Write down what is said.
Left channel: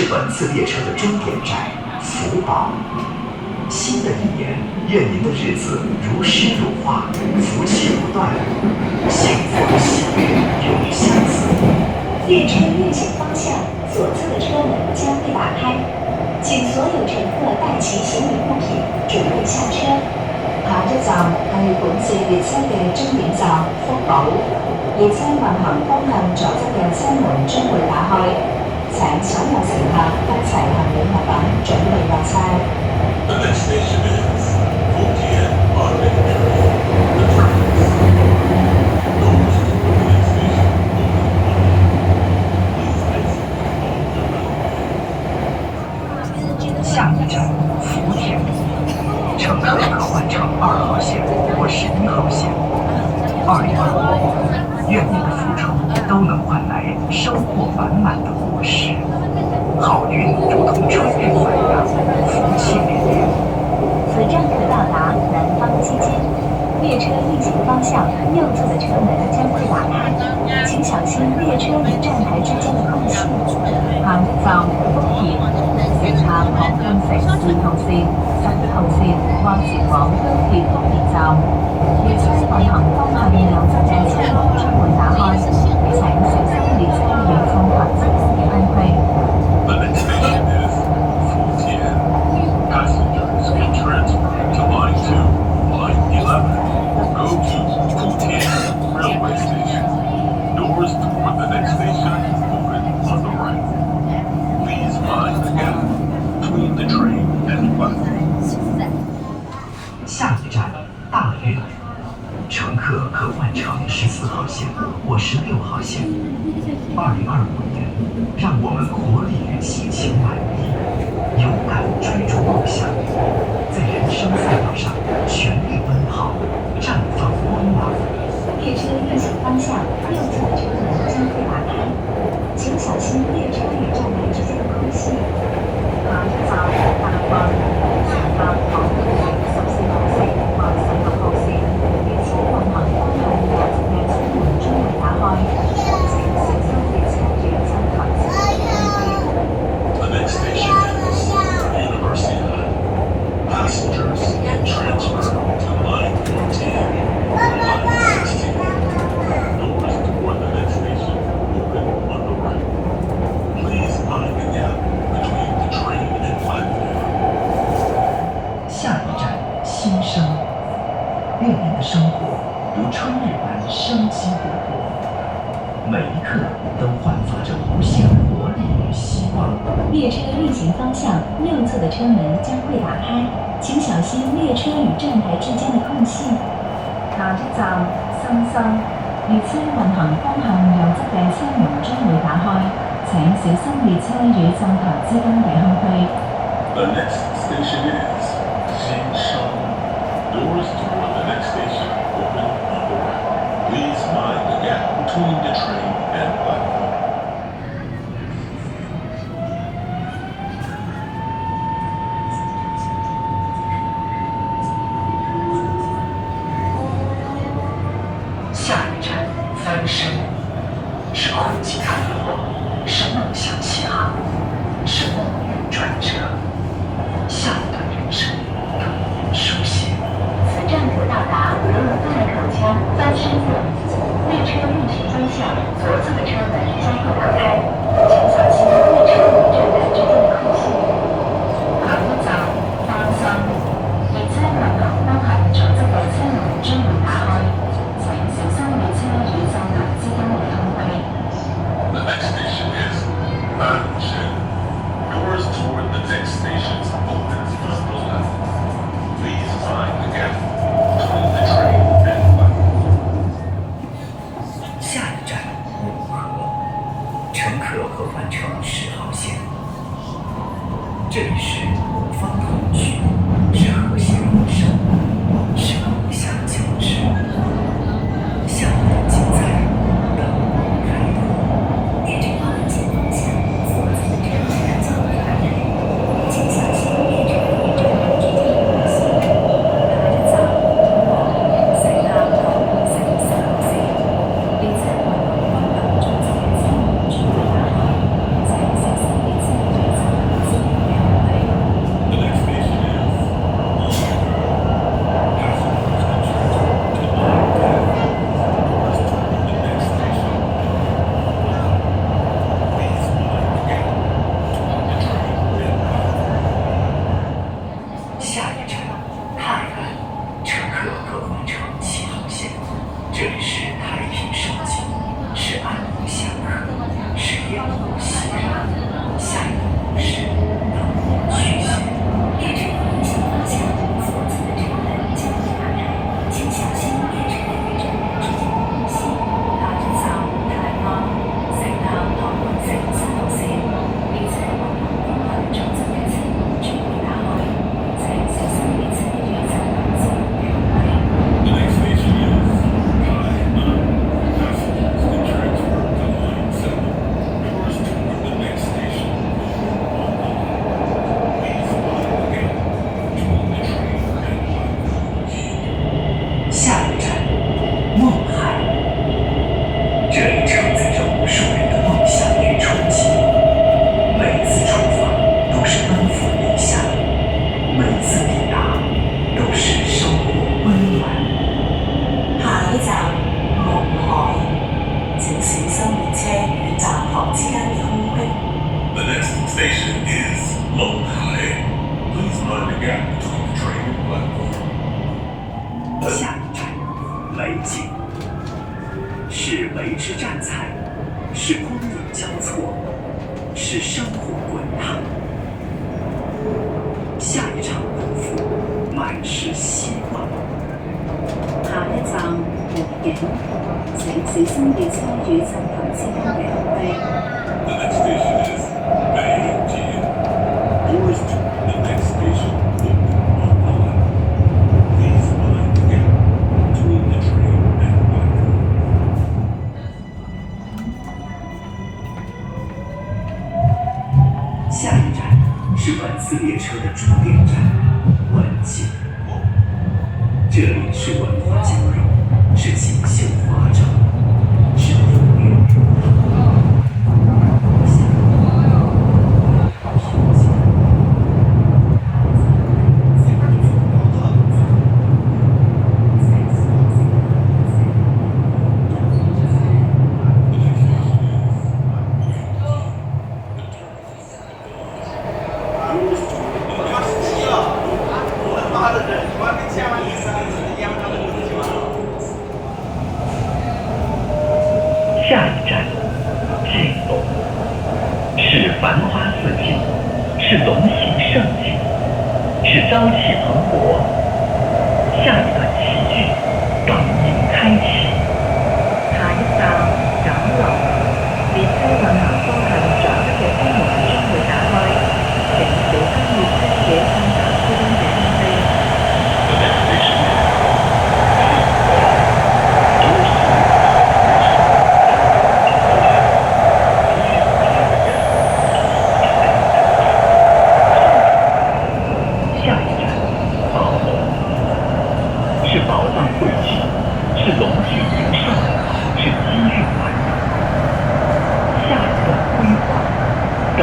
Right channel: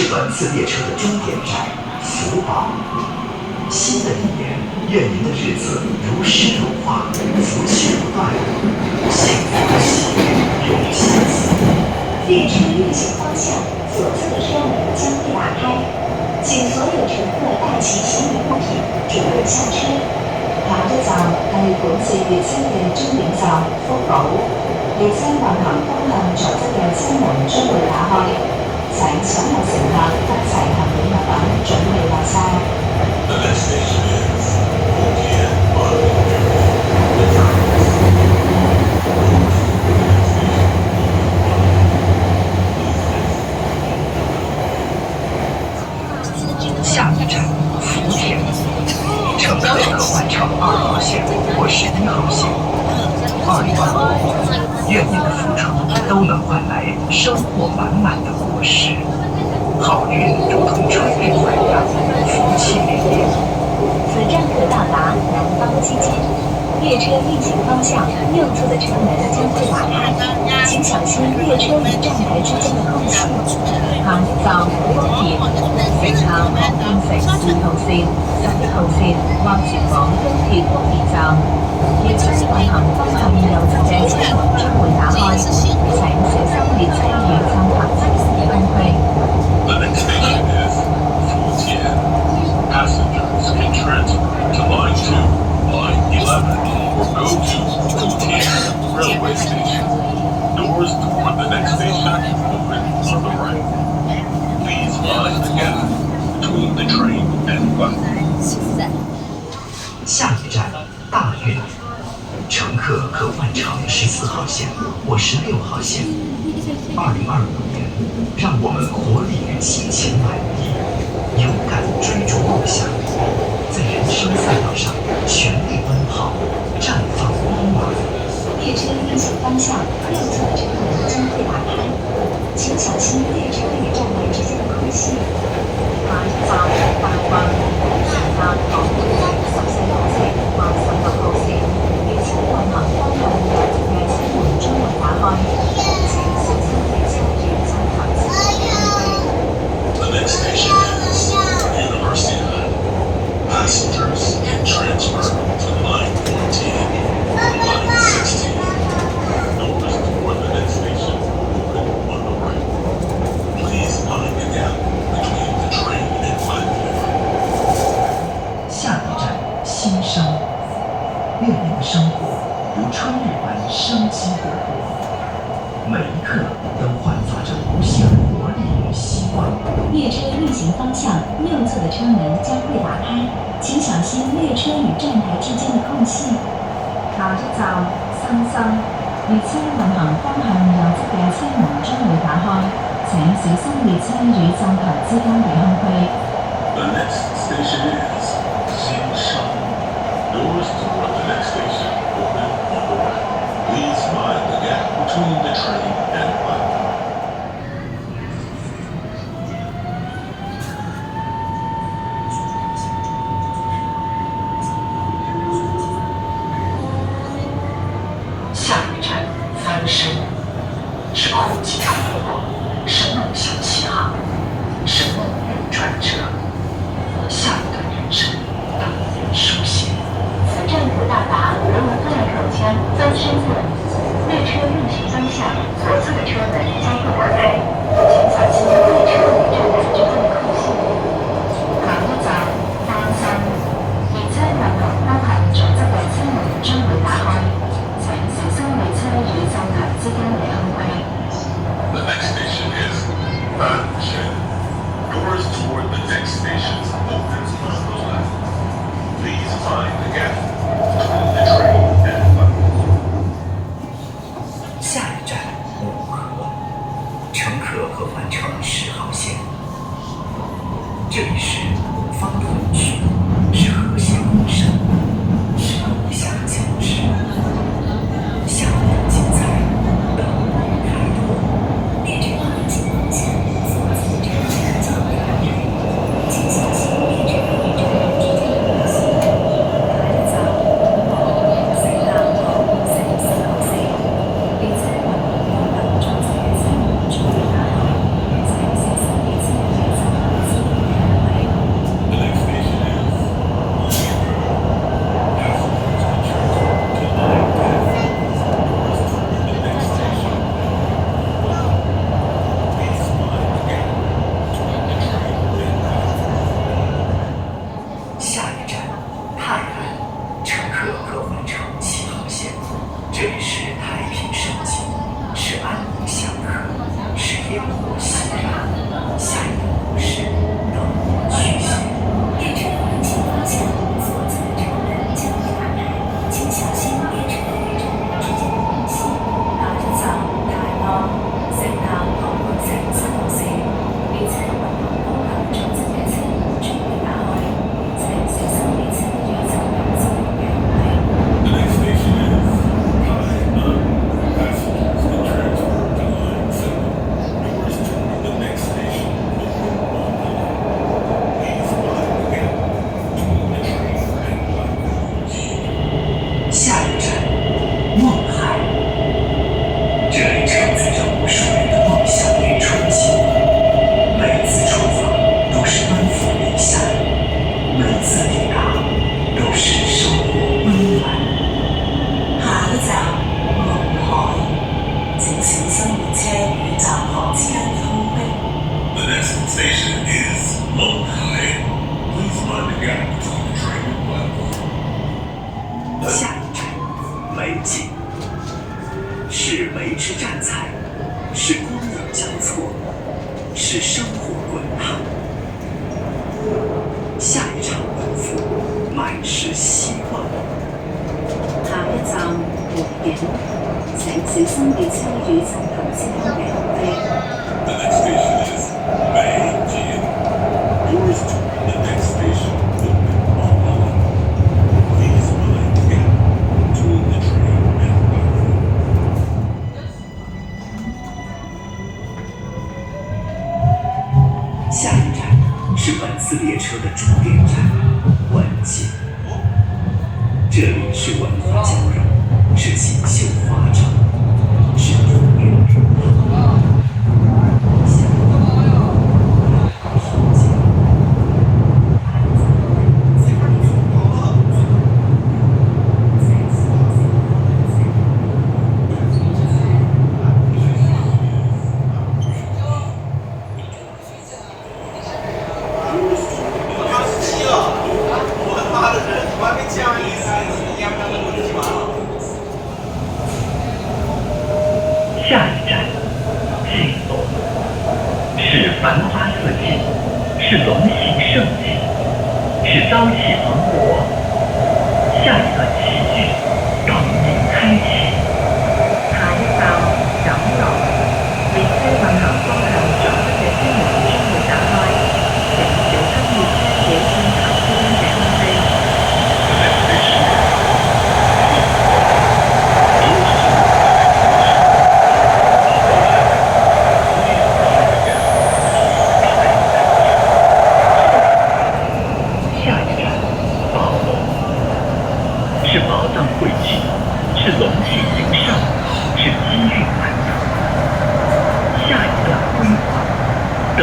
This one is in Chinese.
是本次列车的终点站福宝。新的一年，愿您的日子如诗如画，福气不断，幸福喜悦永相随。列车运行方向左侧的车门将会打开，请所有乘客带齐行李物品，准备下車。下一站係本次列車嘅終點站福寶，列車運行方向左側嘅車門將會打開，請所有乘客一齊行李物品準備落車。The next station is Fujian Market Area. The train is下一站福田，乘客可换乘2号线或11号线。2025年，愿您的付出都能换来收获满满的果实，好运如同春日暖阳，福气连连。此站可到达南方基街，列车运行方向右侧的车門將會打開，請小心列車與站台之間的空隙。下一站福田，乘客可換乘2號線、11號線或前往高鐵福田站。列車運行方向右側嘅車門將會打開，請小心列車與站台之間嘅空隙。The next station is Fujian. Passengers can transfer to Line 2, Line 11, or go to Fujian Railway Station. Doors toward the next station open on the right. Please mind the gap between the train and platform. 下一站大运，乘客可换乘14号线或16号线。2025年，让我们活力与激情满溢，勇敢追逐梦想，在人生赛道上全力奔跑，绽放光芒。列车运行方向右侧的车门将会打开，请小心列车与站台之间的空隙。下一站大運，乘客可換乘14號線或16號線，列車運行方向右側嘅車門將會打開，請小心列車與站台之間嘅空隙。The next station is Universidad. Passengers can transfer to Line 14 or Line 16. Doors toward the next station open on the right. Please mind the gap between the train and platform. 下一站新生，愿您的生活如春日般生机勃勃，每一刻都焕发着无限活力与希望。列车运行方向右侧的车門將會打開，請小心列車與站台之間的空隙。下一站新生，列車運行方向右側嘅車門將會打開，請小心列車與站台之間嘅空隙。The next station is Xingshan. Doors toward the next station open on the right. Please mind the gap between the train and platform. 下一站翻身，是困境突破，是梦想起航，是命运转折。下一段人生等人书写。此站可到达俄罗斯口腔翻身路，列车运行方向左侧的车门将会打开，请小心列车与站台之间的空隙。下一站翻身，列車運行方向左側嘅車門將會打開，請小心列車與站台之間嘅空隙。The next station is Banshan. Doors toward the next station open on the left. Please mind the gap between the train and platform. 这里是太平盛景，是安宁祥和，是烟火熙攘。下一个故事等你续写。列车运行方向，左侧的车门将会打开，请小心列车与站台之间的空隙。下一站，台灣城南航空城7號線，列車運行東行左側嘅車門將會打開，請小心列車與站台之間嘅空隙。The next station is Tainan. Passengers can transfer to Line 7. Doors toward the next station open on the left. Please mind the gap between the train and platforms. 下一站，梦海。这里承载着无数人的梦想与憧憬。每次出发都是奔赴理想，每次抵达都是收获温暖。下一站，夢海，請小心列車與站房之間嘅空隙。The next station is Monghai. Please mind the gap between the train and platform. 下一站，美景，是维持站台，是光影交错，是生活滚烫。下一场奔赴，满是希望。下一站，木景，請小心列車與站台之間嘅空隙。The next station is Beijing. Doors toward the next station open on the left. Please mind the gap between the train and platform. 下一站是本次列车的终点站文景。这里是文化交融，是锦绣花招，是风韵如浪。下一站下一站，巨龙，是繁花似锦，是龙行盛景，是朝气蓬勃。下一段喜剧等你开启。下一站，錦龍，列車運行方向左側嘅車門將會打開，請小心列車與站台之間嘅空隙。The next station is 下一站，宝龙，是宝藏汇聚，是龙气迎上，是机遇难得。下一段辉煌，等